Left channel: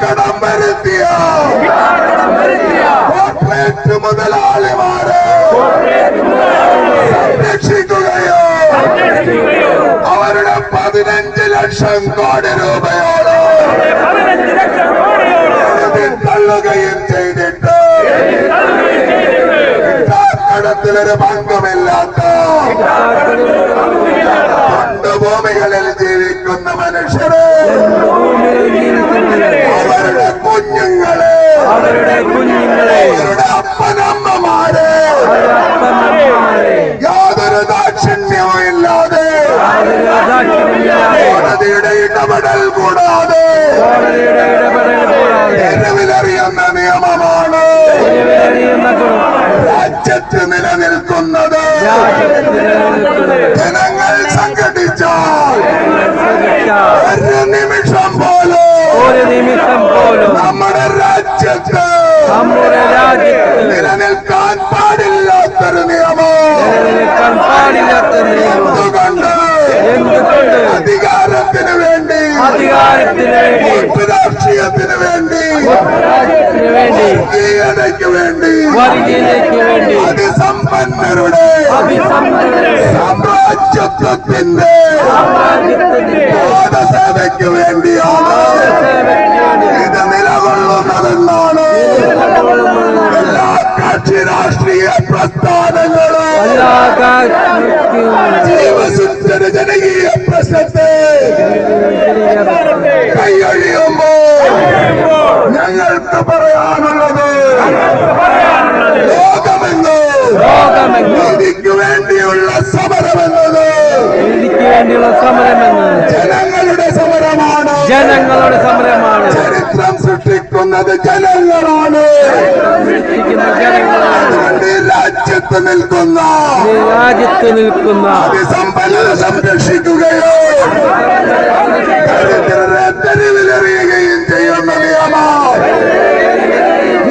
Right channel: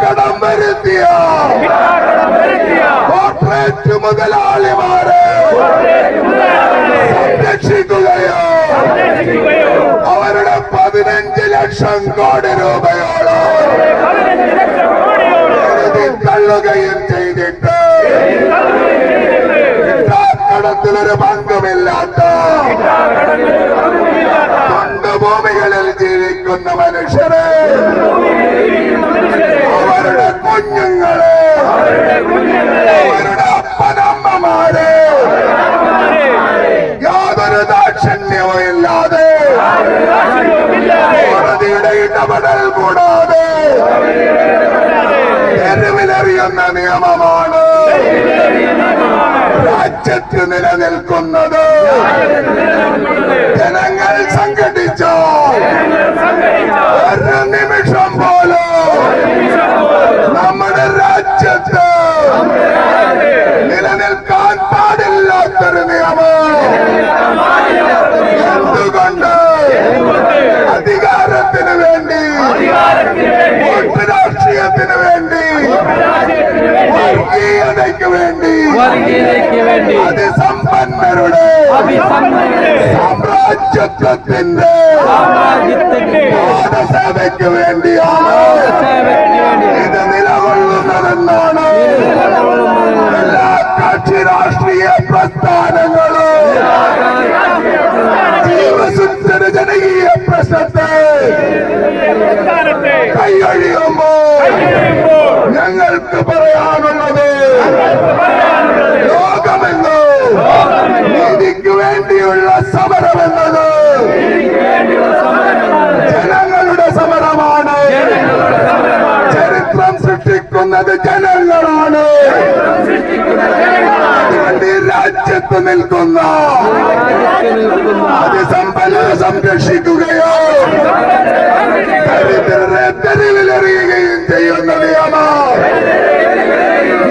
കടം വരുത്തിയ കോർപ്പറേറ്റ് മുതലാളിമാരെ സംരക്ഷിക്കുകയോ അവരുടെ 15 ലക്ഷം കോടി രൂപയോളം തള്ളുകയും ചെയ്തിട്ട് കടത്തിലൊരു പങ്കമില്ലാത്ത ഭൂമികളിൽ ജീവിക്കുന്ന മനുഷ്യരെ അവരുടെ കുഞ്ഞുങ്ങളെ അവരുടെ അപ്പനമ്മമാരെ യാതൊരു ദാക്ഷിണ്യവും ഇല്ലാതെ കോടതിയുടെ ഇടപെടൽ കൂടാതെ തെരുവിലെറിയുന്ന നിയമമാണ് രാജ്യത്ത് നിലനിൽക്കുന്നത്. ജനങ്ങൾ സംഘടിച്ചാൽ ഒരു നിമിഷം പോലും നമ്മുടെ രാജ്യത്ത് നിലനിൽക്കാൻ പാടില്ലാത്തൊരു നിയമം. എന്തുകൊണ്ട്? അധികാരത്തിന് വേണ്ടി, വോട്ട് രാഷ്ട്രീയത്തിന് വേണ്ടി, വർഗീയതയ്ക്ക് വേണ്ടി, അതിസമ്പന്നരുടെ സാമ്രാജ്യത്വത്തിന്റെ പാദസേവയ്ക്ക് വേണ്ടിയാണ് ഇത് നിലകൊള്ളുന്നതെന്നാണ് എല്ലാ കക്ഷി രാഷ്ട്രീയ പ്രസ്ഥാനങ്ങളും ജീവസുന്ദര ജനകീയ പ്രശ്നത്തെ കൈയൊഴിയുമ്പോൾ ഞങ്ങൾക്ക് പറയാനുള്ളത് ലോകമെന്നോ നീതിക്ക് വേണ്ടിയുള്ള സമരമെന്നത് ജനങ്ങളുടെ സമരമാണ്. ചരിത്രം സൃഷ്ടിക്കുന്നത് ജനങ്ങളാണ്. അതുകൊണ്ട് രാജ്യത്ത് നിൽക്കുന്ന അതിസമ്പന്നരെ സംരക്ഷിക്കുകയോ ദരിദ്രരെ തെരുവിലെറിയുകയും ചെയ്യുന്ന നിയമം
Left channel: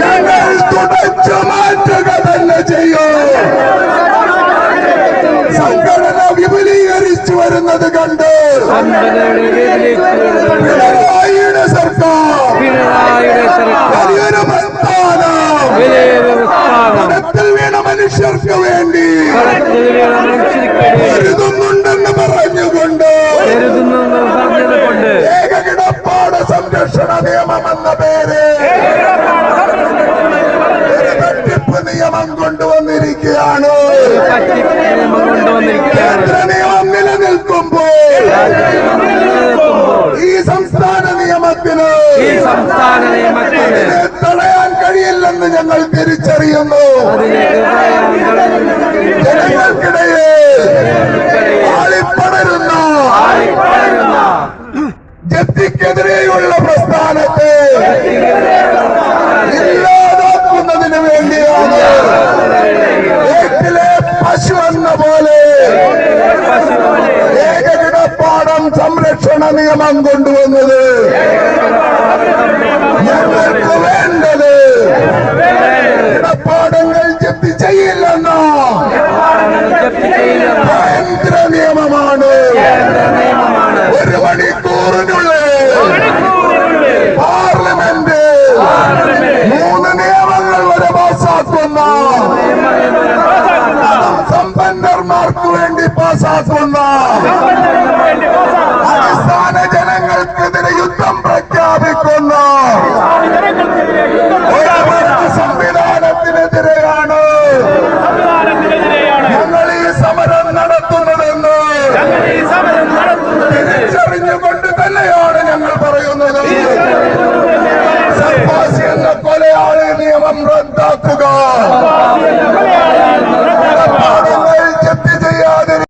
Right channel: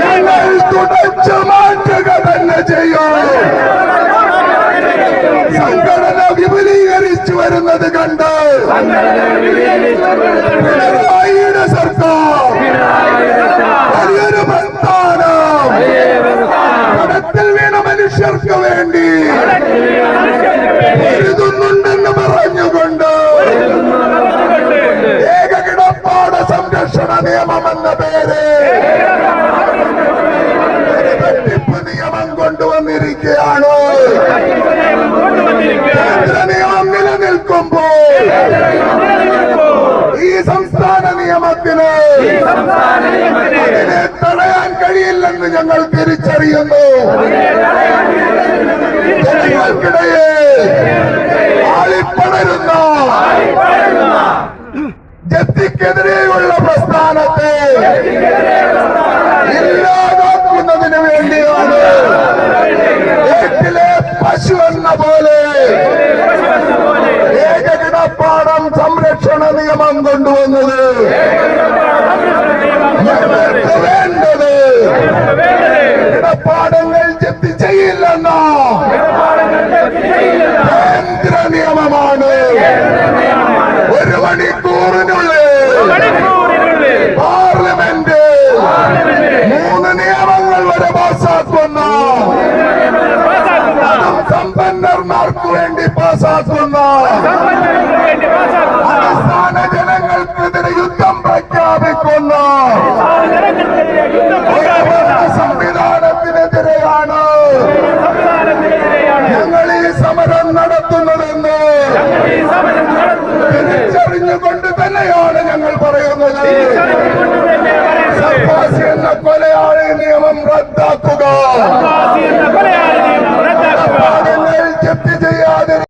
ഞങ്ങൾ തുടച്ചു മാറ്റുക തന്നെ ചെയ്യും. സംഘടന വിപുലീകരിച്ചു വരുന്നത് കണ്ട് പിണറായിയുടെ സർക്കാർ വലിയൊരു പ്രസ്ഥാനം പണത്തിൽ വീണ മനുഷ്യർക്ക് വേണ്ടി കരുതുന്നുണ്ടെന്ന് പറഞ്ഞുകൊണ്ട് ഏകകിടപ്പാട സംരക്ഷണ നിയമം എന്ന പേര് വെട്ടിപ്പ് നിയമം കൊണ്ടുവന്നിരിക്കുകയാണ്. കേന്ദ്ര നിയമം നിലനിൽക്കുമ്പോൾ ഈ സംസ്ഥാന നിയമത്തിന് അതിനെ തടയാൻ കഴിയില്ലെന്ന് ഞങ്ങൾ തിരിച്ചറിയുന്നു. ജനങ്ങൾക്കിടയിൽ ആളിപ്പടരുന്ന ജപ്തിക്കെതിരെയുള്ള പ്രസ്ഥാനത്തെ ഇല്ലാതാക്കുന്നതിന് വേണ്ടിയാണ് വീട്ടിലെ പശു എന്ന പോലെ ഏകകിടപ്പാടം സംരക്ഷണ നിയമം കൊണ്ടുവന്നത്. ഞങ്ങൾക്ക് വേണ്ടത് കിടപ്പാടങ്ങൾ ജപ്തി ചെയ്യില്ലെന്ന കേന്ദ്ര നിയമമാണ്. 1 മണിക്കൂറിനുള്ളിൽ പാർലമെന്റ് 3 നിയമങ്ങൾ വരെ പാസാക്കുന്ന, സമ്പന്നർമാർക്ക് വേണ്ടി പാസാക്കുന്ന, അടിസ്ഥാന ജനങ്ങൾക്കെതിരെ യുദ്ധം പ്രഖ്യാപിക്കുന്ന സംവിധാനത്തിനെതിരെയാണ് ഞങ്ങൾ ഈ സമരം നടത്തുന്നതെന്ന് തിരിച്ചറിഞ്ഞുകൊണ്ട് തന്നെയാണ് ഞങ്ങൾ പറയുന്നത്. സർഫാസി എന്ന കൊലയാളി നിയമം റദ്ദാക്കുക.